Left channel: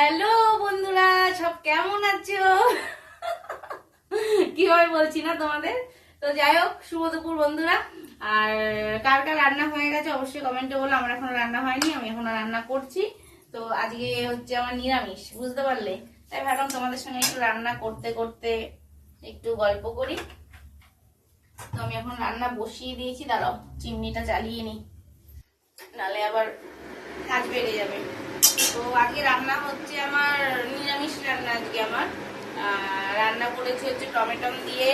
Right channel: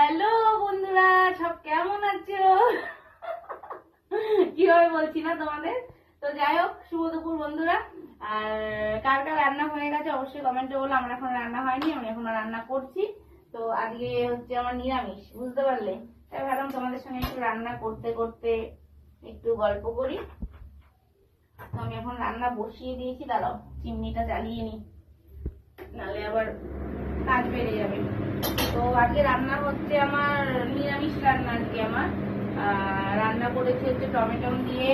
Hello বন্ধুরা, সব কেমন আছো? কীভাবে বলছি না তোমাদের? তো যাই হোক দুপুর বন্ধুরা। আর কার কার রান্না হয়ে গেছে অবশ্যই কমেন্টে বলো। আমার এখনও রান্না হয়নি, আমি এখনও রান্না করছি। তো আজকে হচ্ছে আমার নিরামিষ, বুঝতে পারলে? তাই ভাবলাম তোমাদের সঙ্গে একটু রান্না করতে করতে একটু গল্প করি। তো আমি এখন রান্না বসিয়ে দিয়েছি, দাঁড়াও, চিমনিটা চালিয়ে নিই। নালে আবার কাজ বেড়ে যাবে। তো আজকে রান্না হচ্ছে আমার নিরামিষ রান্না আজকে আমার। রান্না করেছি হচ্ছে টমেটো দিয়ে,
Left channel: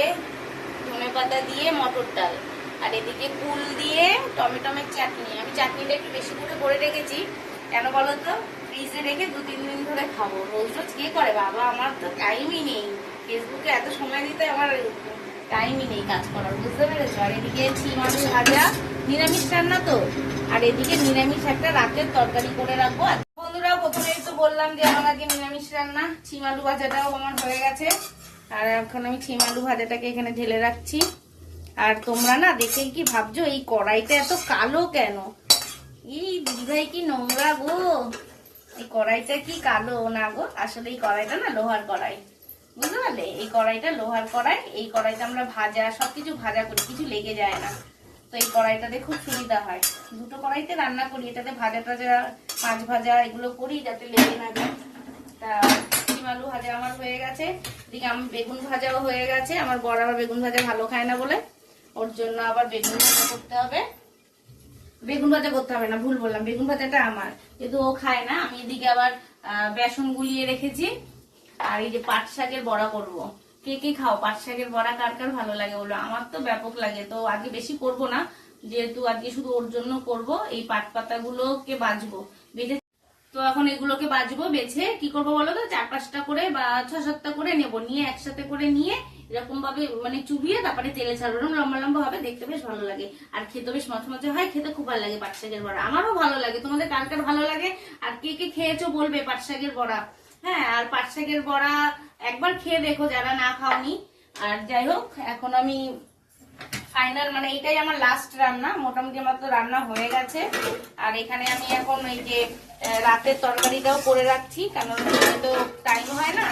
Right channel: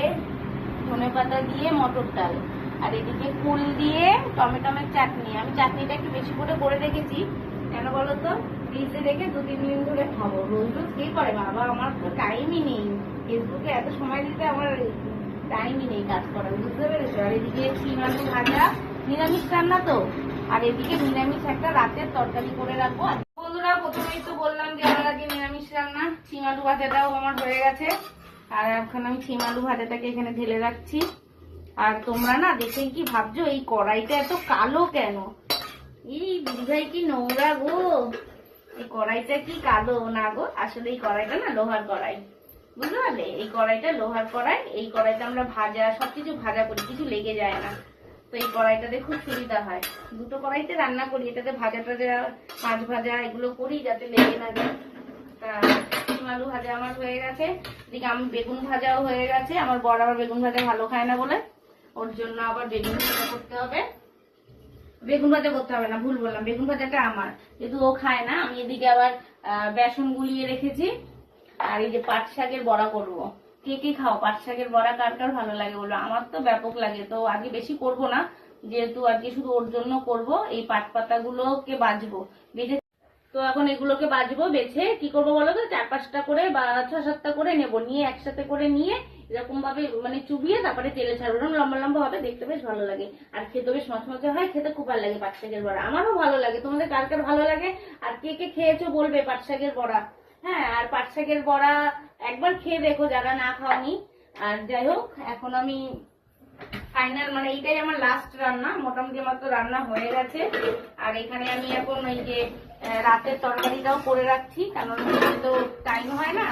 ধনে পাতা দিয়ে, মটর ডাল। আর এদিকে কুল দিয়ে টমেটোমের চাটনি। আমি চাটনিটা একটু বেশি করে করে রেখেছি। কেন বলো তো? ফ্রিজে রেখে দু তিন দিন ধরে খাব। রোজ রোজ কে করে? বাবা, আমার তো টাইমই নেই। ফেসবুকে এত সময় দিতে আমার টাইমই নেই কাজ করার। বুঝতে পেরেছ? আর এদিকে আলু ভাজা। নিরামিষ রান্না তো? আর এদিকে নিরামিষ একটা রাতের তরকারি করে রাখব। আর প্রথমেই তো বললাম যে আমার আগে নিরামিষ রান্না, ছিম আলু ভাজাটাও আমার হয়ে গেছে। আর এখন আমি ছিম আলু ভাজাটাকে এখানে ঢেলে রাখছি। আর তোমরা না দেখেই কি ভাবছ, এই কড়াইটা এত কালো কেন? এই দিদিভাই কি নোংরা গো। এই কড়াইটা কি কালো না গো? আসলে এই কড়াইটা না লোহার কড়াই। বুঝতে পারলে? এই কড়াইটা লোহার কড়াই, এই কড়াইতে আমরা ভাজা, সবকিছু ভাজা করি, কিছু লেগে যায় না। তো এই কড়াইটাতে খুব সুবিধা হয়। দুটো কড়াইতে রান্না করি, এটাতে ভাজা টাজা, মাছ ভাজা, এগুলো করি যাতে লেগে না যায়। তা শিম আলু ভাজা আমার হয়ে গেছে। এদিকে আমি বেগুন ভাজাও হয়ে গেছে। আমার বড় আবার বেগুন ভাজা ভালো খায় না বলে। ওর জন্য আবার বেগুন ভাজা করতে হবে। বেগুন ভাজা করতে হবে না, ভুল বললাম। বেগুন ভাজাটা আমার। কিন্তু ও খায় না, আমি এদিকে আবার বেসন গুলিয়ে রেখেছি। আর এই যে পাট শাকের বড়া করব। কে কে খাও? পাট শাকের বড়া কার কার ভালো লাগে বলো? আমার তো ব্যাপক লাগে, তো আজকে বেশি করব না। যেহেতু আজকে শুধু ওর জন্য করব, এই পাট পাতাগুলোকে বাজবো। বেজে তো এখন এগুলোকে বাজবো, বেছে। কি করব বলো তো? চার পাঁচটা করে বা ছ সাতটা করে নেব। নিয়ে একসাথে করে নিয়ে এরকম ভাবে মানে চুবিয়ে তারপরে তেলে ছাড়বো। এরকম লম্বা লম্বা হবে, দেখতে বেশ ভালো লাগে। আর খেতে বেশ মচমচে হয়, খেতে খুব ভালো লাগে পাট শাকের বড়া। আমারও ভালো লাগে। তোমাদের কার কার ভালো লাগে? আর কে কে খেয়েছো বলবে পাট শাকের বড়া? হ্যাঁ আর পাট শাকের বড়া একবার খেয়ে দেখো যারা না খাওনি। আর যাই হোক, এখন আমি ফাইনাল মানে এইটাই আমার লাস্ট রান্না। মোটামুটি আমার তো রান্না হয়ে গেছে। আর এখানে আমি এখন ওই যে রাতের তরকারিটাও করে রাখছি, কারণ তো টাইম হয় না।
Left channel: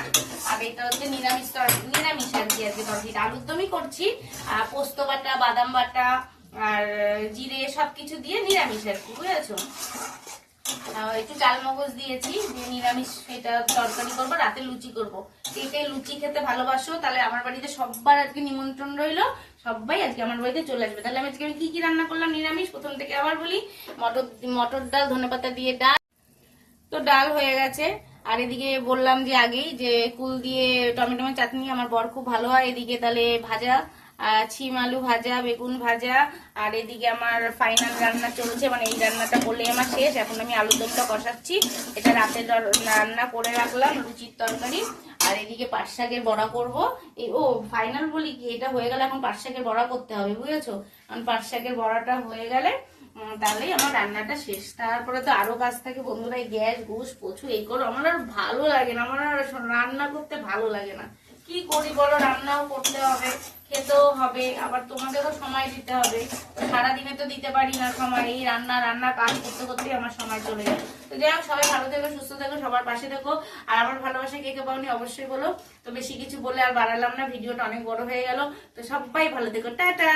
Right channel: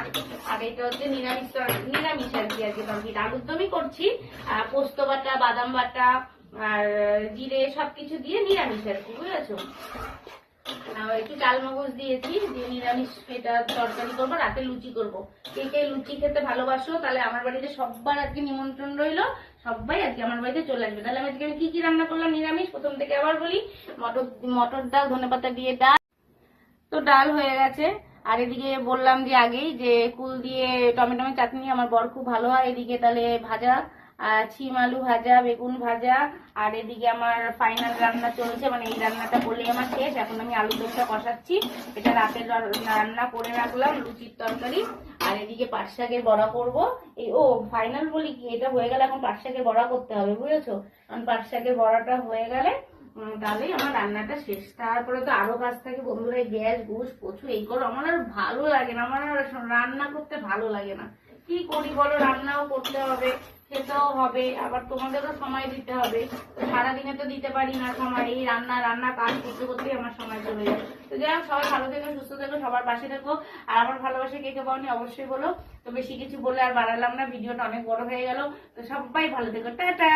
আর এটা হচ্ছে নিরামিষ নিরামিষ আর কি আজকে তরকারিটা। আলুর দমই করছি, আর পোস্ত বাটা, বাদাম বাটা, আর জিরে সবকিছু দিয়ে নিরামিষ আর কি, বুঝেছ? একটু চাল মগজ দিয়েছি, দিয়ে নিরামিষ এটা তরকারি করব, রাতে লুচি করব। কে কে লুচি খেতে ভালোবাসো, তাহলে আমার বাড়িতে সবার আজকে নিমন্ত্রণ রইল। সবাই আজকে আমার বাড়িতে চলে আসবে। তাহলে আজকে আমি কি কি রান্না করলাম? নিরামিষ, প্রথম থেকে আবার বলি, মটর মটর ডাল ধনেপাতা দিয়ে ডাল। তো ডাল হয়ে গেছে। আর এদিকে বললাম যে আগেই যে কুল দিয়ে টমেটো চাটনি আমার বর খুব ভালো হয়। এদিকে তাহলে ভাজা ছিম আলু ভাজা, বেগুন ভাজা, আর এদিকে আমার ফাইনাল রান্না চলছে মানে এই রান্নাটা করলেই আমার শেষ। এখন আমি আলু দমটা কষাচ্ছি। এটা রাতের রান্না করে রাখলাম, লুচির তরকারি। আর এদিকে পাট শাকের বড়া করব। এই, ও ফাইনাল বলি কি? এটা হয়ে গেলে এখন পাট শাকের বড়া করতে হবে, বুঝেছ? কারণ পাট শাকের বড়াটা হয়ে গেলে তাহলেই আমার রান্নাটা শেষ। তারপরে তো আরও কাজ থাকে, বন্ধুরা গ্যাস ঘুষ প্রচুর এই করো। আমার আর ভালো লাগে না, আমার রান্না করতে ভালো লাগে না। কি করি বলো? রান্নাও করতে হবে। খেতেও হবে, আবার তোমাদেরও সময় দিতে হবে। সারাদিনে তো দিতে পারি না সময় এই রান্না রান্না কাজ করতে করতে আমার সময় চলে যায়। তো যাই হোক, সবাই ভালো থেকো, সুস্থ থেকো, সবার পাশে থেকো। আর আমার ভালোবাসা কে কে পাওনি অবশ্যই বলো। তো বেশি কিছু বলে আর বাড়ালাম না, ভিডিওটা অনেক বড় হয়ে গেল। তো সবাই ভালো থেকো, টাটা!